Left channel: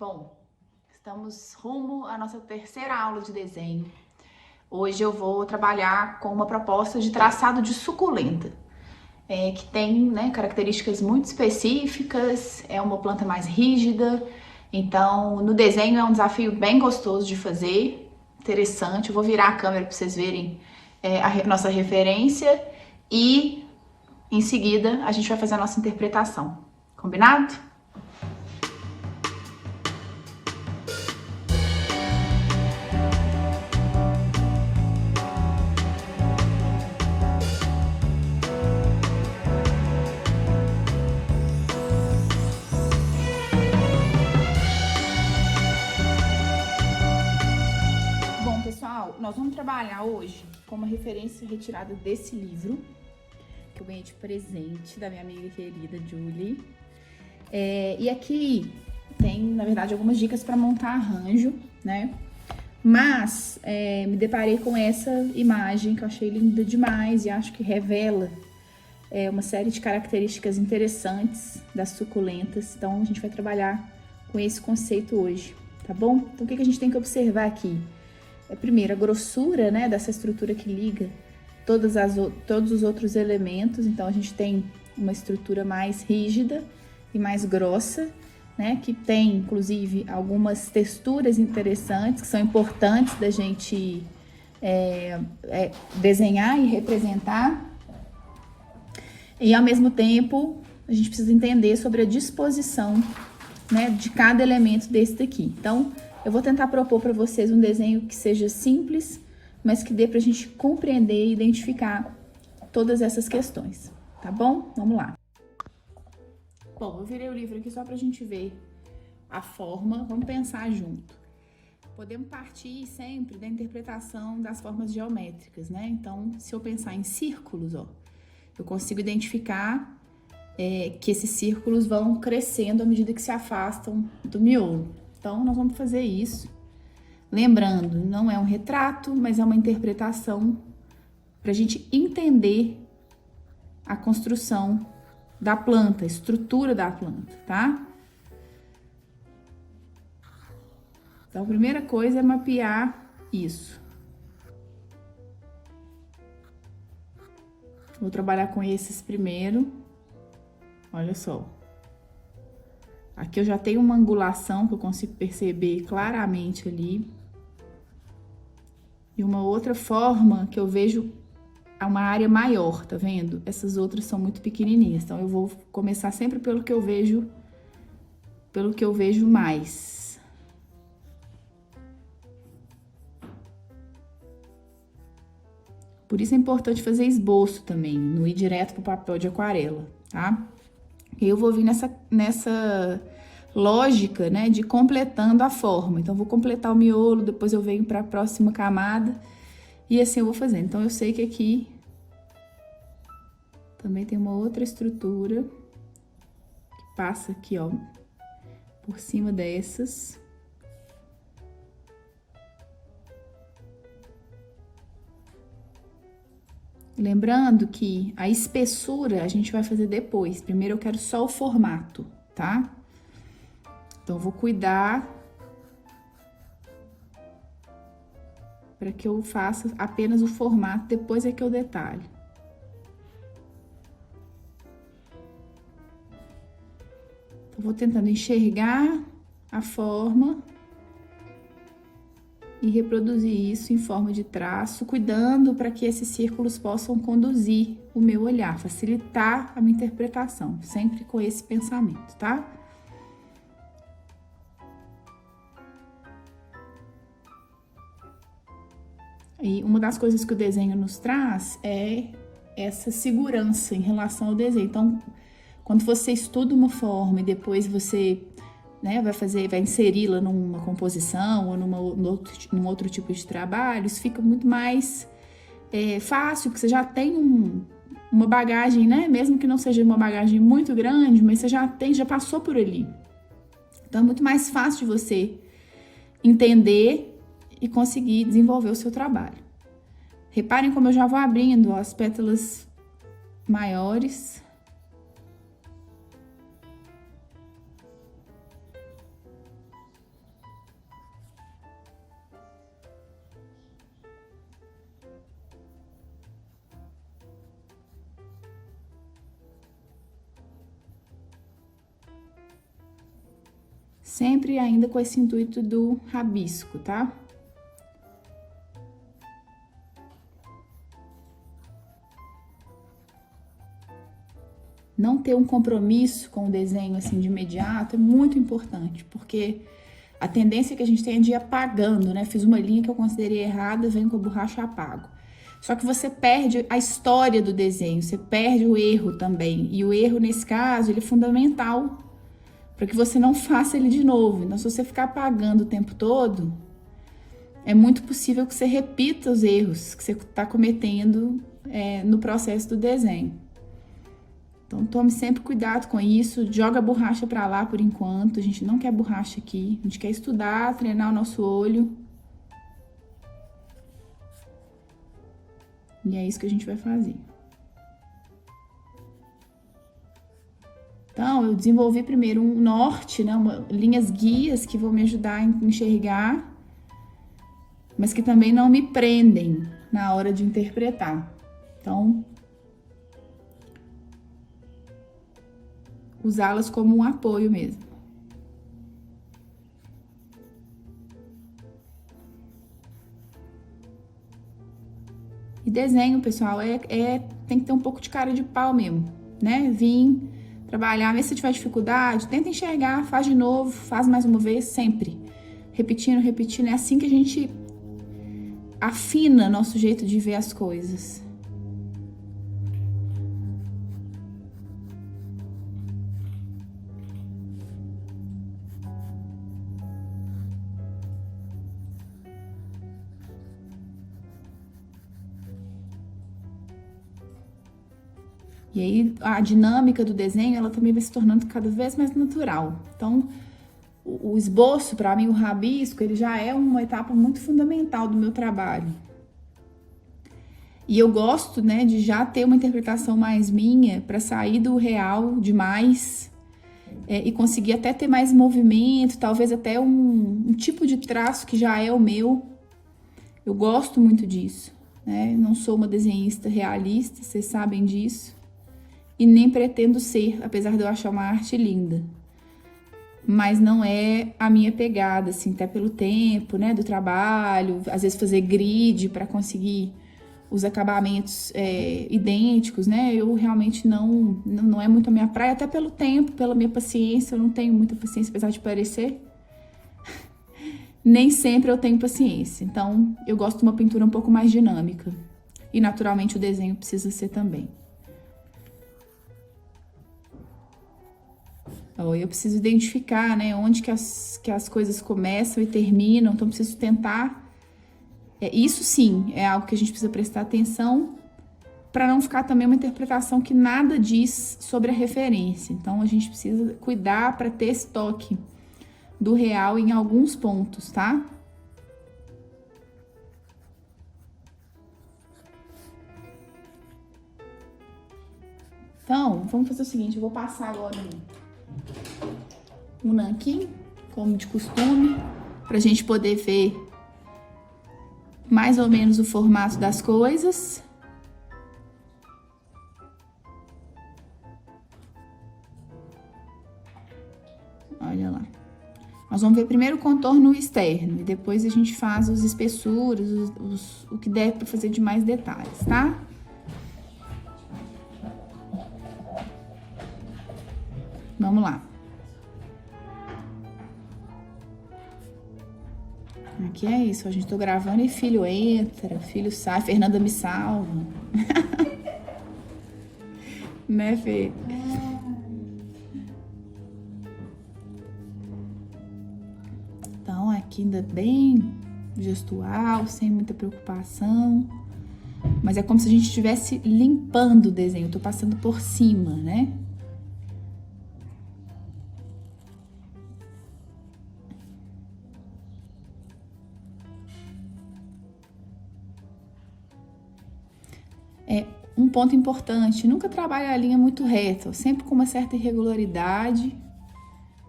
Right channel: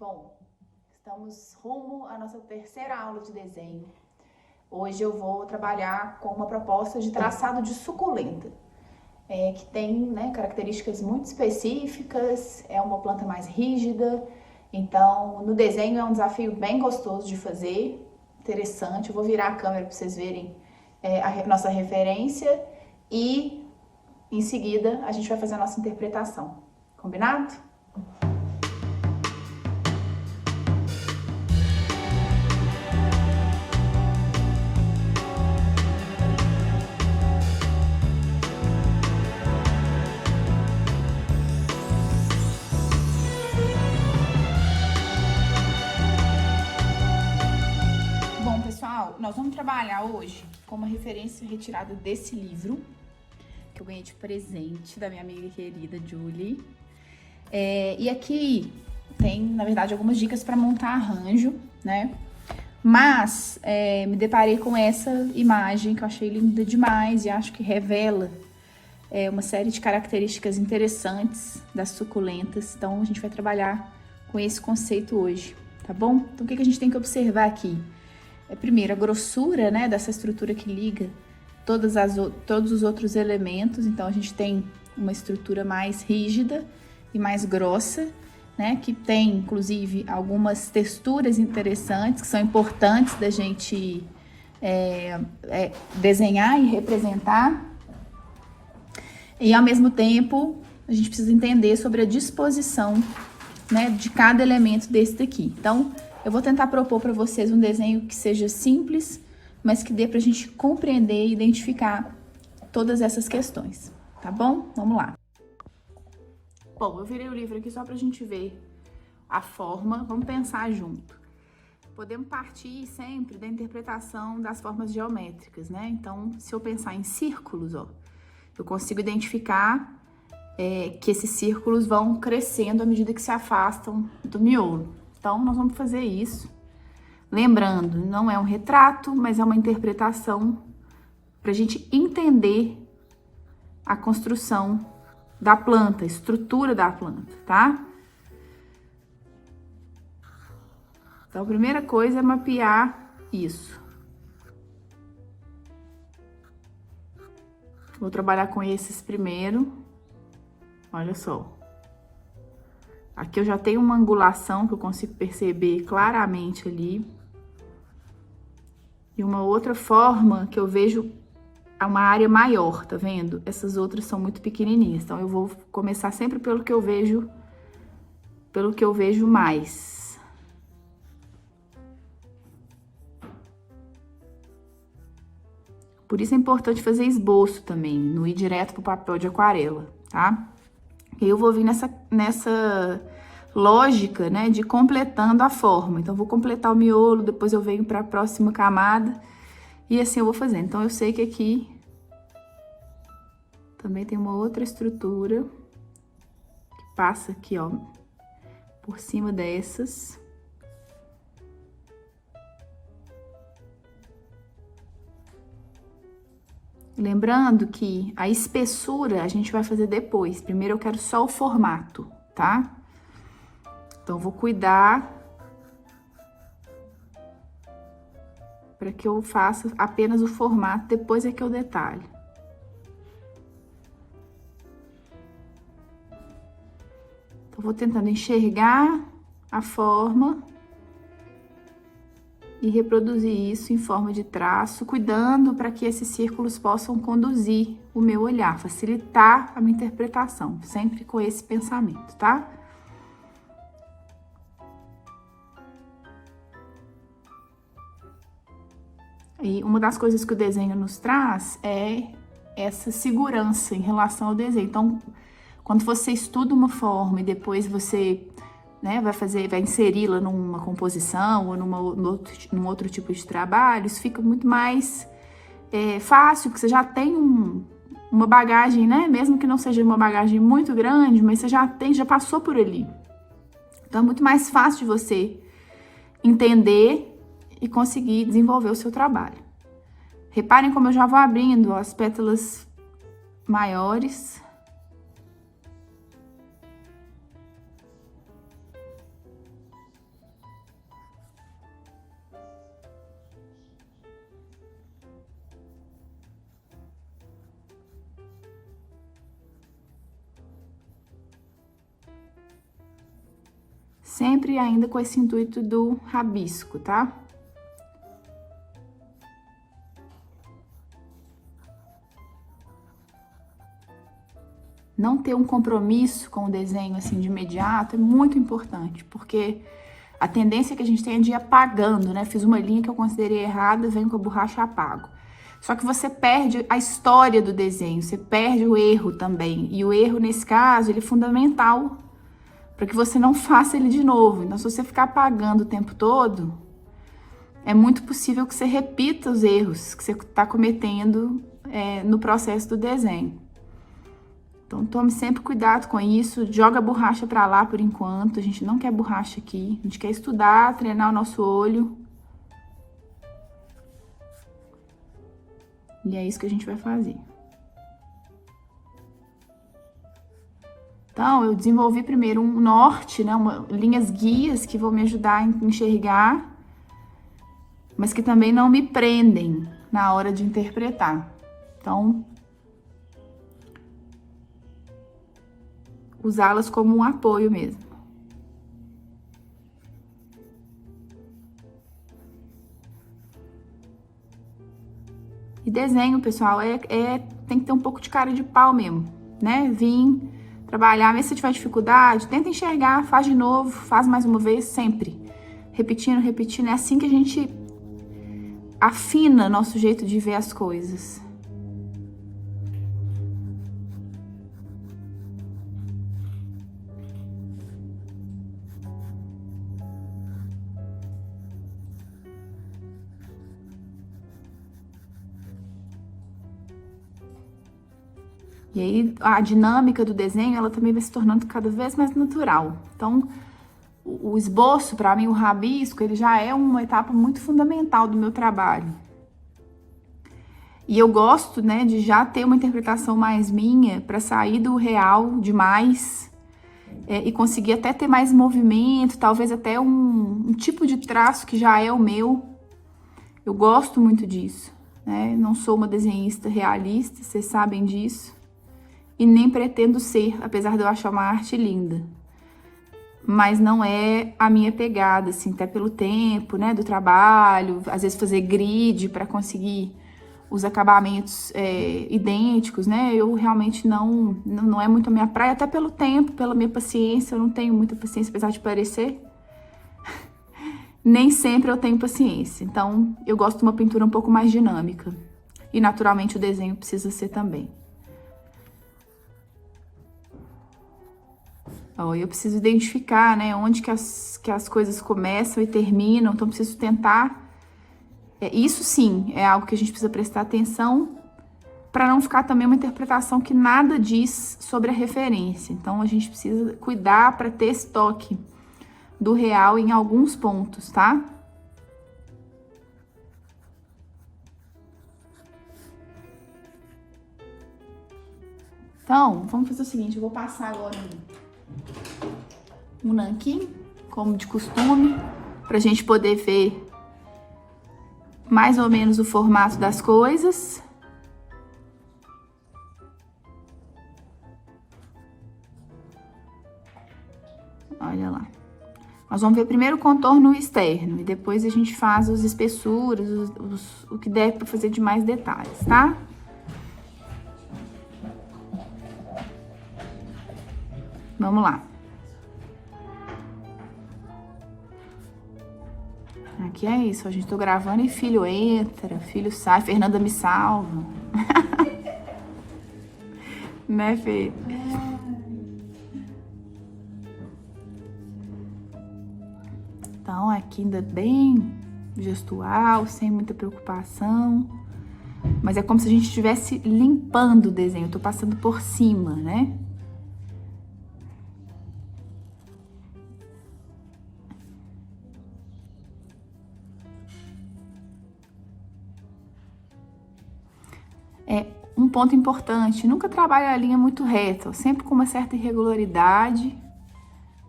Bom, estamos rumo à nossa terceira aula de desenho. Hoje eu vou trabalhar com uma proposta de traçado de suculenta, que tem, né, características muito específicas, é uma planta mais rígida, então no desenho é um desafio bem gostoso de fazer, interessante. Eu vou virar a câmera para vocês verem a nossa referência e em seguida a gente vai fazer a nossa interpretação. Combinado? Bom, pessoal, nós vamos trabalhar hoje com uma referência retirada desse livro, que eu ganhei de presente da minha amiga querida Julie. E aqui tem, na verdade, algumas dicas para montar arranjo, né? Mas me deparei com essa imagem que eu achei linda demais e acho que revela uma série de características interessantes das suculentas. Então, a gente vai trabalhar com esse conceito hoje, tá bom? Então, o que a gente tem que observar aqui? Primeiro, a grossura, né, dessa estrutura que liga todos os outros elementos. Então, a gente tem uma estrutura mais rígida e mais grossa, né, que tem, inclusive, algumas texturas interessantes, que são importantes da gente desenhar e representar. E, ao mesmo tempo, a gente precisa entender sobre a disposição, né, de cada elemento desse daqui. Então, eu vou tentar propor para vocês um desenho que seja simples, mas que dê pra gente compreender e identificar todas essas questões, tá bom? Vamos lá. Bom, eu virei o livro aqui só pra gente ver a forma, vamos pensar junto. Podemos partir sempre da interpretação das formas geométricas, né? Então, se eu pensar em círculos, ó, eu consigo identificar que esses círculos vão crescendo à medida que se afastam do miolo. Então, nós vamos fazer isso. Lembrando, não é um retrato, mas é uma interpretação para a gente entender a construção da planta, a estrutura da planta, tá? Então, a primeira coisa é mapear isso. Vou trabalhar com esses primeiro. Olha só. Aqui eu já tenho uma angulação que eu consigo perceber claramente ali. E uma outra forma que eu vejo uma área maior, tá vendo? Essas outras são muito pequenininhas, então eu vou começar sempre pelo que eu vejo mais. Por isso é importante fazer esboço também, não ir direto pro papel de aquarela, tá? E eu vou vir nessa lógica, né, de completando a forma. Então, eu vou completar o miolo, depois eu venho para a próxima camada e assim eu vou fazendo. Então, eu sei que aqui também tem uma outra estrutura que passa aqui, ó, por cima dessas. Lembrando que a espessura a gente vai fazer depois. Primeiro eu quero só o formato, tá? Então, eu vou cuidar para que eu faça apenas o formato, depois é que eu detalho. Então, vou tentando enxergar a forma e reproduzir isso em forma de traço, cuidando para que esses círculos possam conduzir o meu olhar, facilitar a minha interpretação, sempre com esse pensamento, tá? E uma das coisas que o desenho nos traz é essa segurança em relação ao desenho. Então, quando você estuda uma forma e depois você, né, vai inseri-la numa composição ou num outro tipo de trabalho, isso fica muito mais fácil, porque você já tem uma bagagem, né? Mesmo que não seja uma bagagem muito grande, mas você já passou por ali. Então, é muito mais fácil de você entender e conseguir desenvolver o seu trabalho. Reparem como eu já vou abrindo as pétalas maiores. Sempre ainda com esse intuito do rabisco, tá? Não ter um compromisso com o desenho, assim, de imediato é muito importante, porque a tendência que a gente tem é de ir apagando, né? Fiz uma linha que eu considerei errada, venho com a borracha e apago. Só que você perde a história do desenho, você perde o erro também. E o erro, nesse caso, ele é fundamental para que você não faça ele de novo. Então, se você ficar apagando o tempo todo, é muito possível que você repita os erros que você está cometendo no processo do desenho. Então, tome sempre cuidado com isso, joga a borracha para lá por enquanto, a gente não quer borracha aqui, a gente quer estudar, treinar o nosso olho. E é isso que a gente vai fazer. Então, eu desenvolvi primeiro um norte, né, linhas guias que vão me ajudar a enxergar, mas que também não me prendem na hora de interpretar. Então, usá-las como um apoio mesmo. E desenho, pessoal, tem que ter um pouco de cara de pau mesmo, né? Vim trabalhar, mesmo se tiver dificuldade, tenta enxergar, faz de novo, faz mais uma vez, sempre. Repetindo, repetindo, é assim que a gente afina nosso jeito de ver as coisas. E aí, a dinâmica do desenho, ela também vai se tornando cada vez mais natural. Então, o esboço, para mim, o rabisco, ele já é uma etapa muito fundamental do meu trabalho. E eu gosto, né, de já ter uma interpretação mais minha, para sair do real demais e conseguir até ter mais movimento, talvez até um tipo de traço que já é o meu. Eu gosto muito disso, né? Não sou uma desenhista realista, vocês sabem disso. E nem pretendo ser, apesar de eu achar uma arte linda. Mas não é a minha pegada, assim, até pelo tempo, né, do trabalho, às vezes fazer grid para conseguir os acabamentos idênticos, né, eu realmente não é muito a minha praia, até pelo tempo, pela minha paciência, eu não tenho muita paciência, apesar de parecer. Nem sempre eu tenho paciência, então eu gosto de uma pintura um pouco mais dinâmica. E naturalmente o desenho precisa ser também. Eu preciso identificar, né, onde que as coisas começam e terminam, então preciso tentar. Isso sim é algo que a gente precisa prestar atenção para não ficar também uma interpretação que nada diz sobre a referência. Então a gente precisa cuidar para ter esse toque do real em alguns pontos, tá? Então, vamos fazer o seguinte, eu vou passar agora um nanquim, como de costume, pra gente poder ver mais ou menos o formato das coisas. Olha lá. Nós vamos ver primeiro o contorno externo e depois a gente faz as espessuras, o que der pra fazer de mais detalhes, tá? Vamos lá. Aqui é isso, a gente tô gravando e filho entra, filho sai, Fernanda me salva. Né, Fê? Então, aqui ainda bem gestual, sem muita preocupação. Mas é como se a gente estivesse limpando o desenho, eu tô passando por cima, né? Um ponto importante, nunca trabalhe a linha muito reta, sempre com uma certa irregularidade.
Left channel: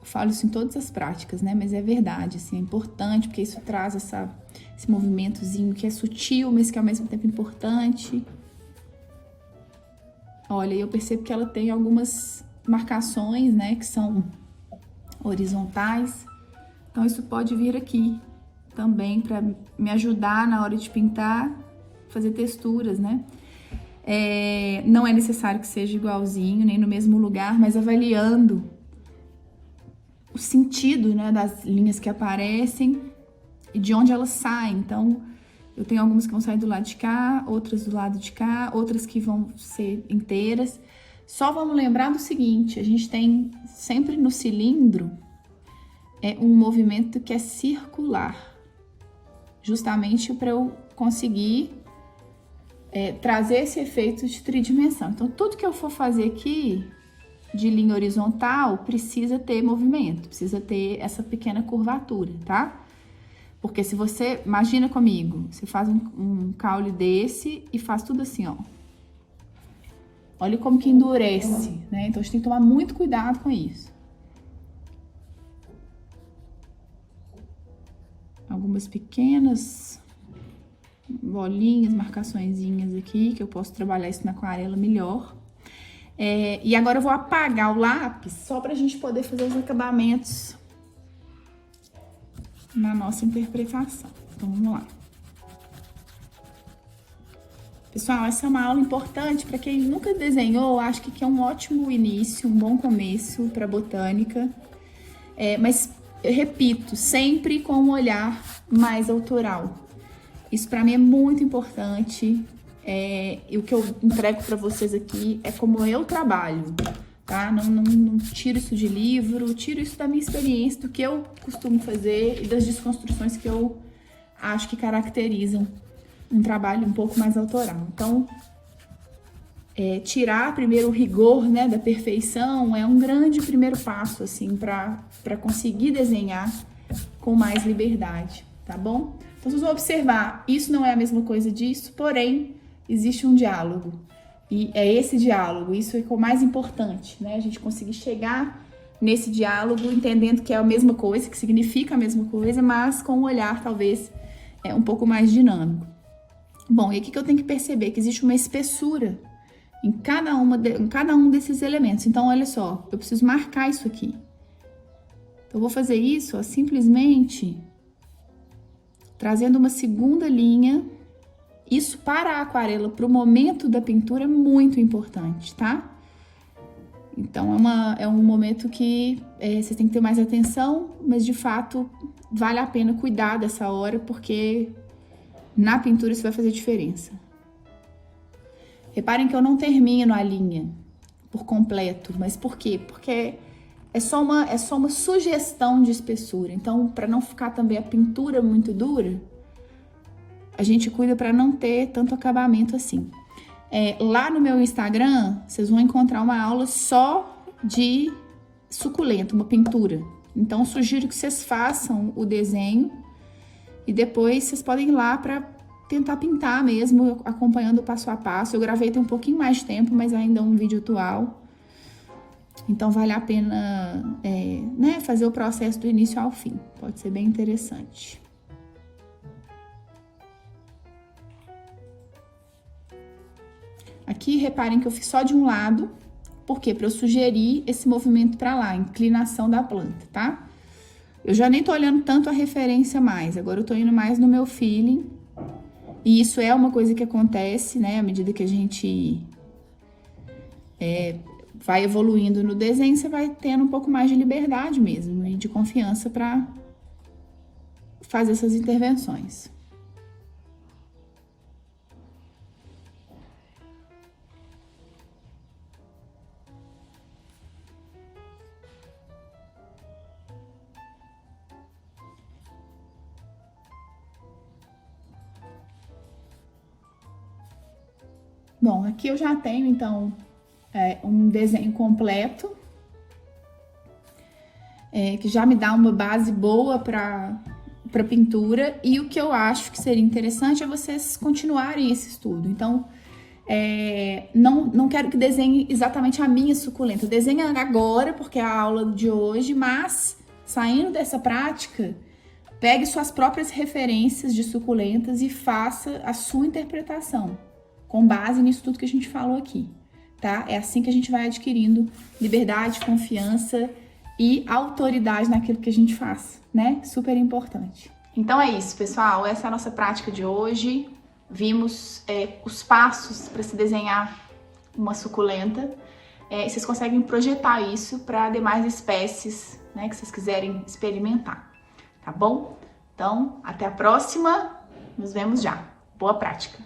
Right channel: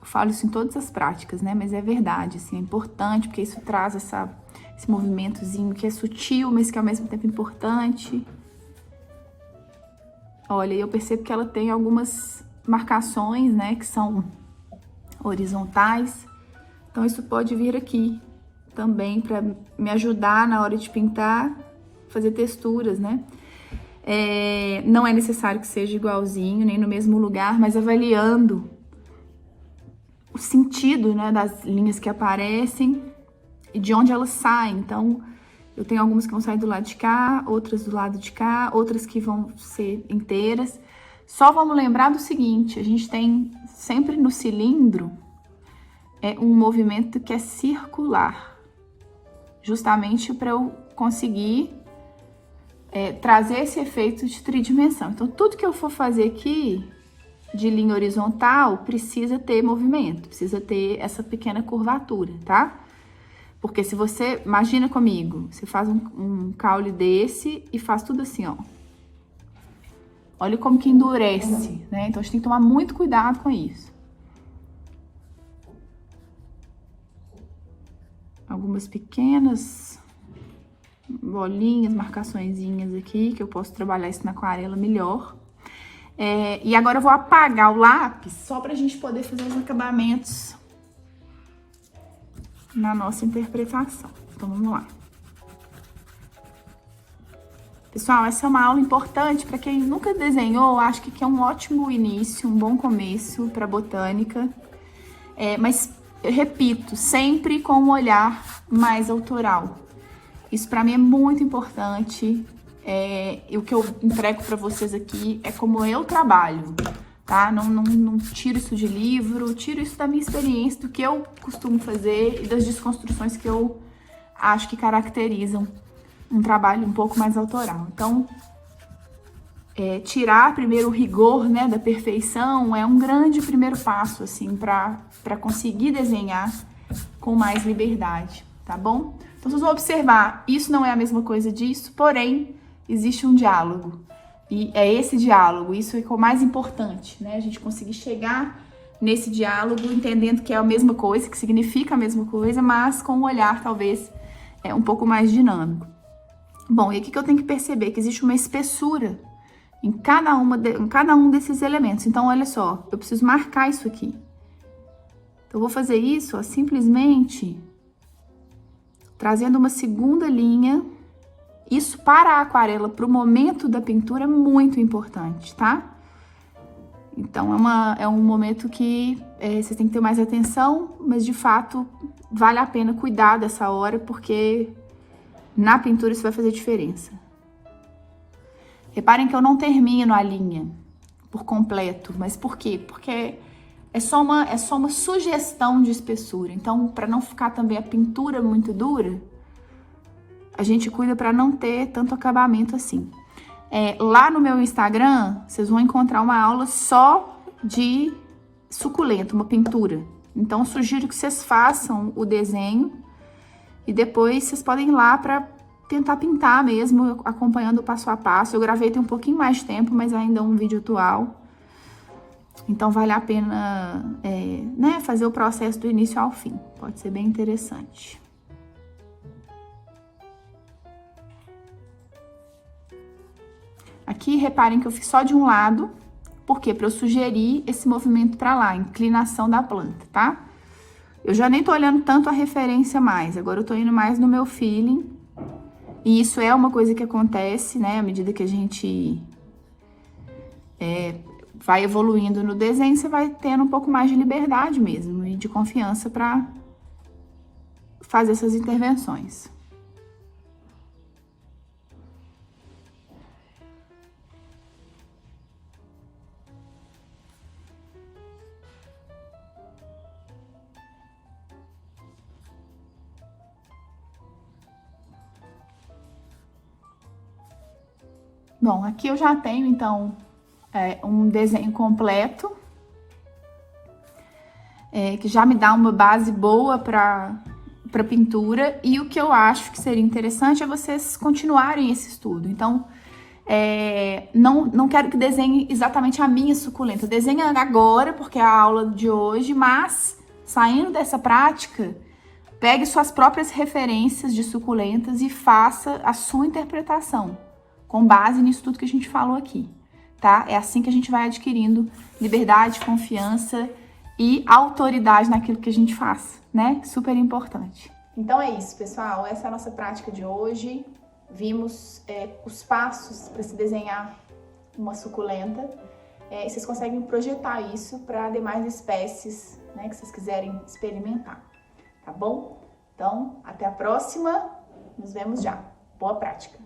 Eu falo isso em todas as práticas, né? Mas é verdade, assim, é importante, porque isso traz esse movimentozinho que é sutil, mas que ao mesmo tempo é importante. Olha, eu percebo que ela tem algumas marcações, né? Que são horizontais. Então, isso pode vir aqui também para me ajudar na hora de pintar, fazer texturas, né? Não é necessário que seja igualzinho, nem no mesmo lugar, mas avaliando o sentido, né, das linhas que aparecem e de onde elas saem. Então, eu tenho algumas que vão sair do lado de cá, outras do lado de cá, outras que vão ser inteiras. Só vamos lembrar do seguinte, a gente tem sempre no cilindro um movimento que é circular, justamente para eu conseguir trazer esse efeito de tridimensão. Então, tudo que eu for fazer aqui de linha horizontal precisa ter movimento, precisa ter essa pequena curvatura, tá? Porque se você, imagina comigo, você faz um caule desse e faz tudo assim, ó. Olha como que endurece, né? Então, a gente tem que tomar muito cuidado com isso. Algumas pequenas bolinhas, marcaçõezinhas aqui, que eu posso trabalhar isso na aquarela melhor. E agora eu vou apagar o lápis, só pra gente poder fazer os acabamentos na nossa interpretação. Então, vamos lá. Pessoal, essa é uma aula importante para quem nunca desenhou, acho que aqui é um ótimo início, um bom começo para botânica. Mas, eu repito, sempre com um olhar mais autoral. Isso para mim é muito importante. E o que eu entrego para vocês aqui é como eu trabalho, tá? Não tiro isso de livro, tiro isso da minha experiência, do que eu costumo fazer e das desconstruções que eu acho que caracterizam um trabalho um pouco mais autoral. Então, tirar primeiro o rigor, né, da perfeição é um grande primeiro passo, assim, para conseguir desenhar com mais liberdade, tá bom? Então, vocês vão observar, isso não é a mesma coisa disso, porém, existe um diálogo. E é esse diálogo, isso é o mais importante, né? A gente conseguir chegar nesse diálogo entendendo que é a mesma coisa, que significa a mesma coisa, mas com um olhar, talvez, um pouco mais dinâmico. Bom, e aqui que eu tenho que perceber que existe uma espessura em cada um desses elementos. Então, olha só, eu preciso marcar isso aqui. Então, eu vou fazer isso, ó, simplesmente trazendo uma segunda linha. Isso para a aquarela, para o momento da pintura, é muito importante, tá? Então, é um momento que vocês têm que ter mais atenção, mas de fato, vale a pena cuidar dessa hora, porque na pintura isso vai fazer diferença. Reparem que eu não termino a linha por completo, mas por quê? Porque é só uma sugestão de espessura. Então, para não ficar também a pintura muito dura, a gente cuida para não ter tanto acabamento assim. Lá no meu Instagram, vocês vão encontrar uma aula só de suculento, uma pintura. Então, eu sugiro que vocês façam o desenho e depois vocês podem ir lá para tentar pintar mesmo, acompanhando o passo a passo. Eu gravei tem um pouquinho mais de tempo, mas ainda é um vídeo atual. Então, vale a pena né, fazer o processo do início ao fim. Pode ser bem interessante. Aqui, reparem que eu fiz só de um lado. Por quê? Para eu sugerir esse movimento para lá, a inclinação da planta, tá? Eu já nem tô olhando tanto a referência mais. Agora, eu tô indo mais no meu feeling. E isso é uma coisa que acontece, né? À medida que a gente vai evoluindo no desenho, você vai tendo um pouco mais de liberdade mesmo e de confiança para fazer essas intervenções. Bom, aqui eu já tenho, então, um desenho completo, que já me dá uma base boa para pintura. E o que eu acho que seria interessante é vocês continuarem esse estudo. Então, não quero que desenhe exatamente a minha suculenta. Desenhe agora, porque é a aula de hoje, mas, saindo dessa prática, pegue suas próprias referências de suculentas e faça a sua interpretação, com base nisso tudo que a gente falou aqui, tá? É assim que a gente vai adquirindo liberdade, confiança e autoridade naquilo que a gente faz, né? Super importante. Então é isso, pessoal. Essa é a nossa prática de hoje. Vimos os passos para se desenhar uma suculenta. Vocês conseguem projetar isso para demais espécies, né, que vocês quiserem experimentar, tá bom? Então, até a próxima. Nos vemos já. Boa prática!